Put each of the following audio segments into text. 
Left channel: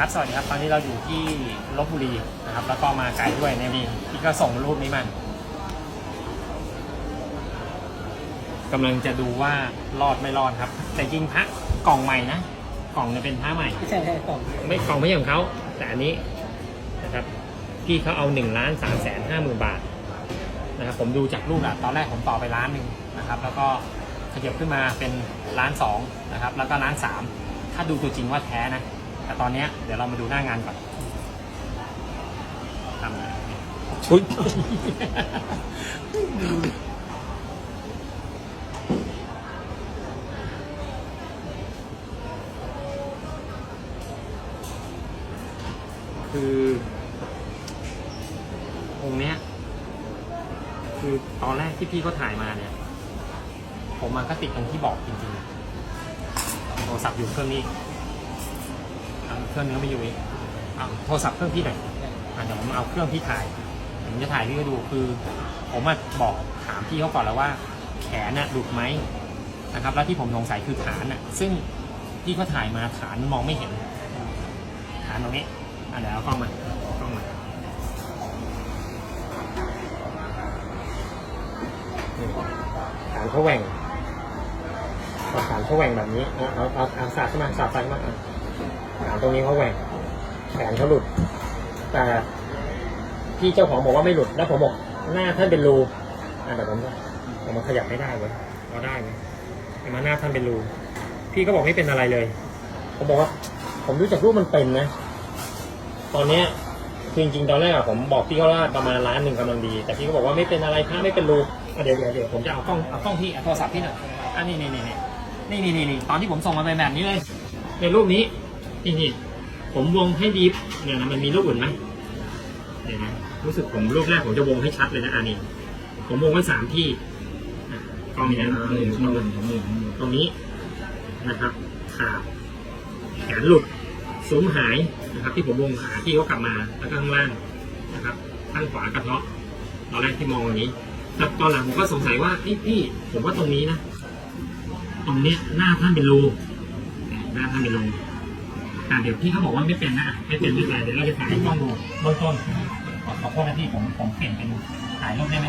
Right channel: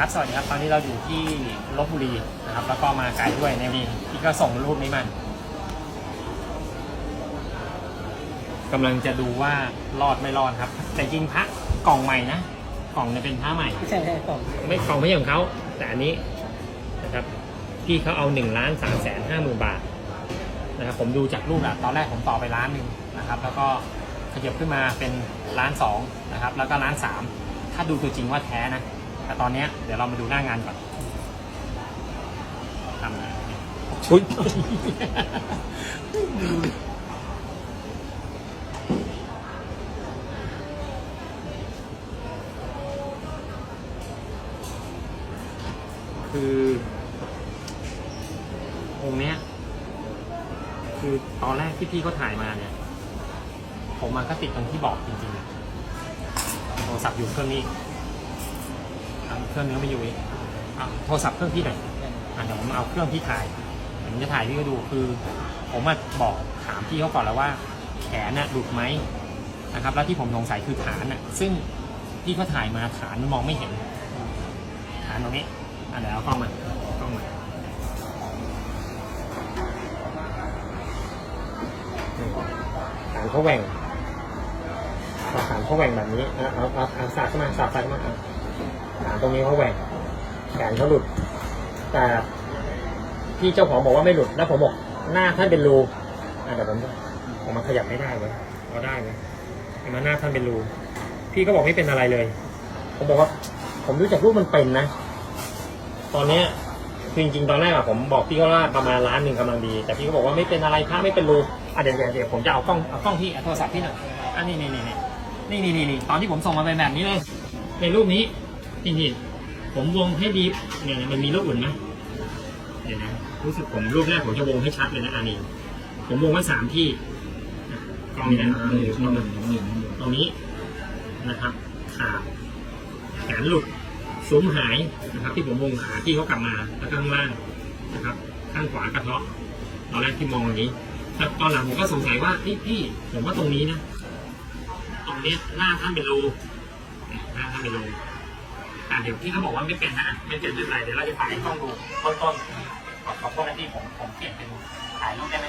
ครับสวัสดีครับตอนนี้เราอยู่ที่ลบบุรีนะครับ แล้วก็มาไกลด้วยในมีพี่ก็ส่งรูปนี้มากำลังจะดูว่ารอดไม่รอดครับ แต่จริงพระกล่องใหม่นะกล่องเนี่ยเป็นพระใหม่ไม่ใช่ไม่ใช่กล่องไม่กล่องไม่ใช่ของเขาแต่อันนี้นะครับพี่เขาเอา1นึ่งล้านสามแสนห้าหมื่นบาทนะครับผมดูจากรูปอะตอนแรกผมต่อไปล้านหนึ่งนะครับ แล้วก็ขยับขึ้นมาเป็นล้านสองนะครับ แล้วก็ล้านสามถ้าดูตัวจริงว่าแท้นะ แต่ตอนเนี้ยเดี๋ยวเรามาดูหน้างานก่อนทำนะชุดคือองค์เนี้ย คือตอนแรกที่พี่เขาถ่ายมาเนี่ย ผมมันก็ติดตรงที่บอกจริงๆโทรศัพท์อยู่เครื่องนี้ เครื่องนี้ก็ไม่อยู่อีกเอาโทรศัพท์เครื่องพี่หน่อยอะเดี๋ยวผมเอาเครื่องพี่ถ่ายเดี๋ยวผมจะถ่ายพี่ก็ดูคือ ผมมาบอกถามพี่เขาก่อนแล้วว่า แขนน่ะหลุดไหมนะครับ แล้วที่ผมสงสัยคือฐานน่ะ ซึ่งพี่เขาถ่ายมาฐานมันมองไม่เห็น ฐานตรงนี้อะเดี๋ยวเอากล้องมากล้องมาฐานเขาแหว่งพอฐานเขาแหว่งแบบนี้เอาเอาเอาเอาสาดเข้ามาสาดไฟเข้ามาเอา ฐานตรงนี้เขาแหว่งแขนเขาหลุด แต่พี่เจ้าของบอกว่าไม่หลุด แล้วผมบอกหน้าท่านเป็นรูอะเดี๋ยวผมจะผมมันขยับไม่ได้เว้ยเอาได้เว้ยเห็นไหมาหน้าท่านเป็นรู พี่ก็บอกไม่เป็นอะไรเลย ผมบอกว่า ผมรู้จากรูปมันเป็นนะ ตอนเนี้ยคือจริงๆตอนแรกอะผมบอกพี่เขาว่าประมาณล้านหนึ่งกำลังดี แต่พี่ก็บอกว่าไม่เป็นอะไรพระไม่เป็นรูอะเดี๋ยวเดี๋ยวเดี๋ยวผมจะเอากล้องเอากล้องที่เอาโทรศัพท์พี่หน่อยอันนี้นี่นี่นี่นี่นี่นี่ตอนที่ผมส่งมาเป็นแบบนี้เลย ในรูปนี้ นี่นี่ผมวงให้ดีเนี่ยนะมันมีรูปอื่นไหมเดี๋ยวนะรู้สึกผมรูปแรกผมจะวงให้ชัดเลยนะอันนี้ ผมวงไว้สามที่อะกล้องนี้นะตรงนี้นะครับ ขาดแขนหลุดซุ้มหายนะครับ ที่ผมมองหาที่เขากลับมาแล้วก็ข้างล่างนะครับ ข้างขวากระเทาะอย่างแรกที่มองอย่างนี้แต่ตอนหลังผมก็สงสัยว่าพี่พี่ผมว่าตรงนี้นะ ตรงเนี้ยหน้าท่านเป็นรูหน้าท่านเป็นรู แต่เดี๋ยวพี่เขาบอกว่าไม่เป็นนะไม่เป็นไม่เป็นไรเดี๋ยวเราจะถ่ายให้กล้องดูเบื้องต้นขอขอโทษนะพี่ผมผมเปลี่ยนเป็นถ่ายรูปได้ไหม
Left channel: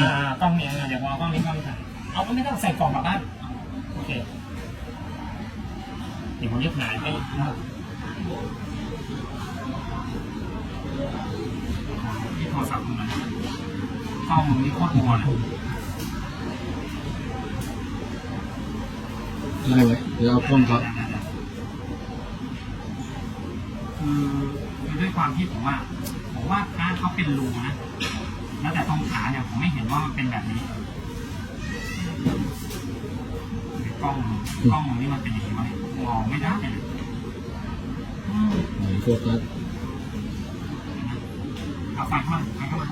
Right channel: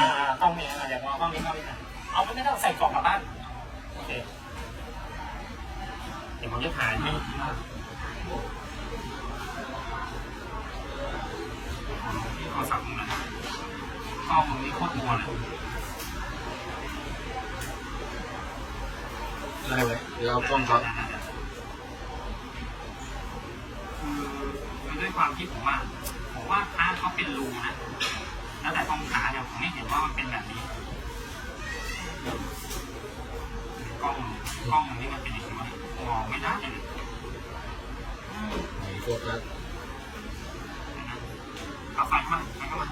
อ่ากล้องนี้เดี๋ยวผมเอากล้องนี้กล้องนี้กันเอาไม่ไม่ต้องใส่กล่องกลับบ้านโอเคเดี๋ยวผมจะถ่ายให้ที่โทรศัพท์มึงนะครับกล้องมึงนี่โคตรมัวเลย เร็วแล้วกล้องครับ คือด้วยความที่ผมว่าผมว่าพระเขาเป็นรูนะ แล้วแต่ตรงขาเนี่ยผมไม่เห็นว่ามันเป็นแบบนี้กล้องกล้องมึงนี่มันเป็นอย่างนี้วะเนี่ยมองไม่ได้เลยอืมไหนโฟกัสเอาไฟเข้ามาไฟเข้ามา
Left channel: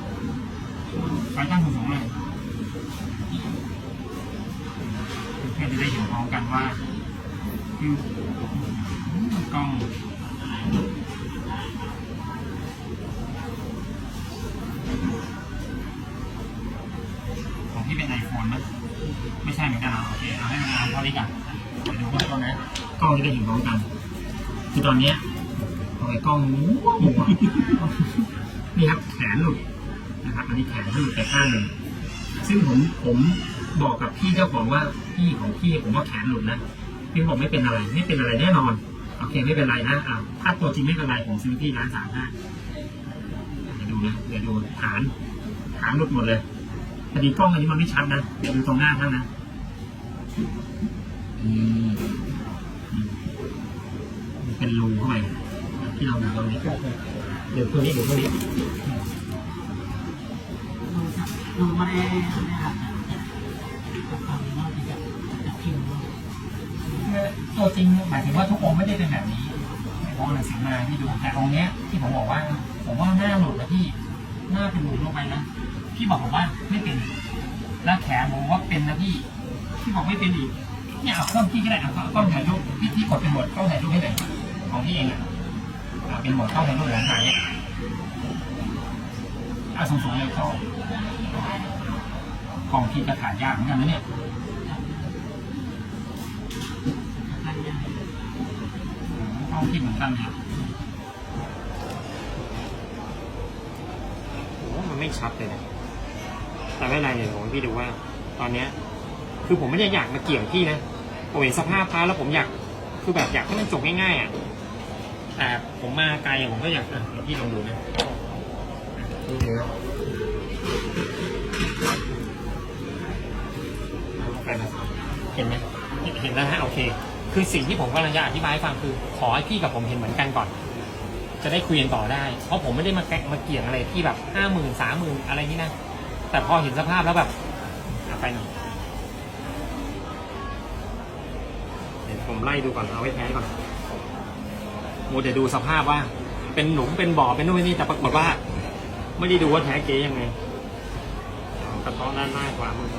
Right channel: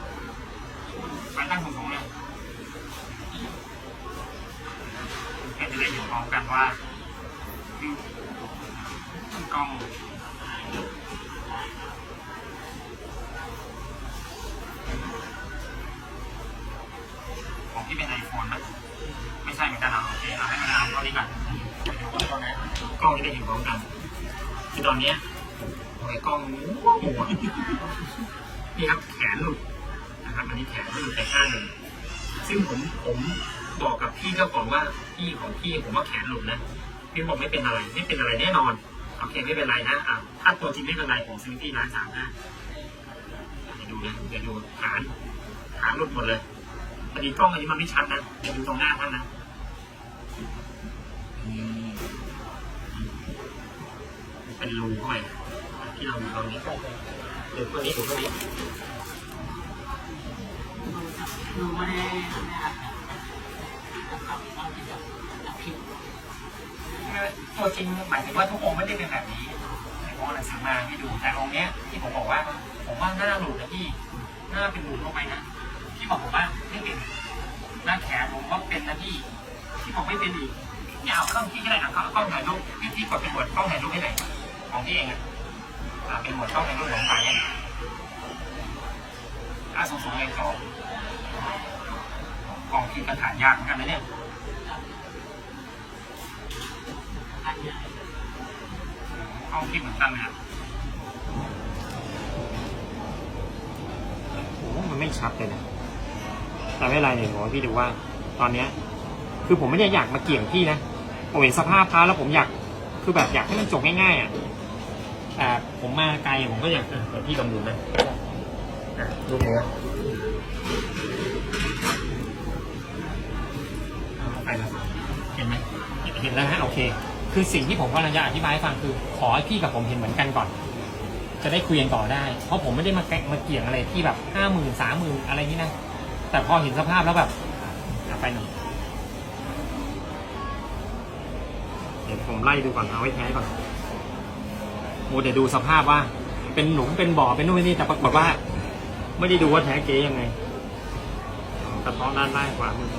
ไฟตั้งสูงๆเลยเพื่อจะได้เห็นพร้อมกันว่าคือกล้อง ของพี่เป็นไอโฟนไหมไม่ใช่เหมือนกันเอาโอเคเอาให้มันเอาเท่านี้ก่อนเดี๋ยวดูพี่ดูนกล้องจะได้เห็นพร้อมกัน คือตอนนี้ทำไมกล้องมั่วๆนี่ครับแขนหลุดนะครับ อันนี้แขนหลุดไปข้างหนึ่งซึ่งผมผมบอกกับพี่เจ้าของว่าพี่ของพี่ผมว่าแขนหลุดนะพี่บอกไม่เป็นอะไรไม่เป็นอะไรแน่นอนโอเคไม่เป็นไรนะอ่าถ้าตัวจริงไม่เป็นไรผมซื้อที่ร้านสามห้าเดี๋ยวดูนะเดี๋ยวดูฐานฐานหลุดหมดเลย พอดีกล้องอันนี้มันไม่ชัดนะเดี๋ยวดูตรงหน้าท่านนะเป็นรูเข้าไปที่เราดูตรงนี้เดี๋ยวคนนี้อยู่ข้างนี้ดูว่าได้ได้หัดตัวจริงหมายถึงว่าทุกองค์ไม่ได้เป็นแบบนี้ในพอหนังสือมาที่ดูแต่องค์เนี้ยที่ผมบอกว่า ผมว่าหน้าหลุดแล้วพี่หน้าเป็นหลุดลงไปนะ พี่บอกผมว่าไม่เป็นแล้วแขนผมว่าเป็นนะพี่พี่บอกไม่เป็นอีกเนี่ยเอาเครื่องพี่ก็ได้เอากล้องถ่ายรูปพี่พี่กดเป็นบทกล้องถ่ายรูปให้หน่อยของพี่เองอะอ่าเป็นบทกล้องถ่ายรูปของถ่ายเนี่ยอะสองสองเลยสองกล้องพี่ก็ถ่ายยากเหมือนกันนะเนี่ยกล้องพี่เหมือนกันเลยอะโอ้มันไม่ชัดเลยนะ แต่ไม่เป็นไรเนี่ยผมให้พี่ดูว่า ตอนเนี้ย คือผมไม่ได้อยากมาเกี่ยงพี่นะ ผมเห็นสภาพพระแล้วผมอยาก คือแบบอยากให้มันจบง่ายๆอะ แต่ผมมาไกลผมก็อยากอะเดี๋ยวพี่ลองดูนะอะรูปเนื้อไปนะเห็นไหมเห็นแล้วนะโอเค คือสิ่งที่ผมกำลังจะอธิบายให้ฟังคือ ขอให้พี่กับผมเห็นเหมือนกันก่อน จะได้คุยกันต่อได้ เพราะผมไม่ได้มาแกะมาเกี่ยงอะไรที่แบบห้าหมื่นสามหมื่นอะไรนี้นะ แต่พอเห็นสภาพแล้วแบบอะไปหน่อยเดี๋ยวผมไล่ดูก่อนเอาไว้แท้ก่อนโมเดี๋ยวดูสภาพว่า เป็นหลุมเป็นบ่อเป็นนู่นเป็นนี่แต่ปรากฏว่า ไม่ได้ดูว่าแท้เก๊ยังไงกระเพาะด้านหน้าขวามือ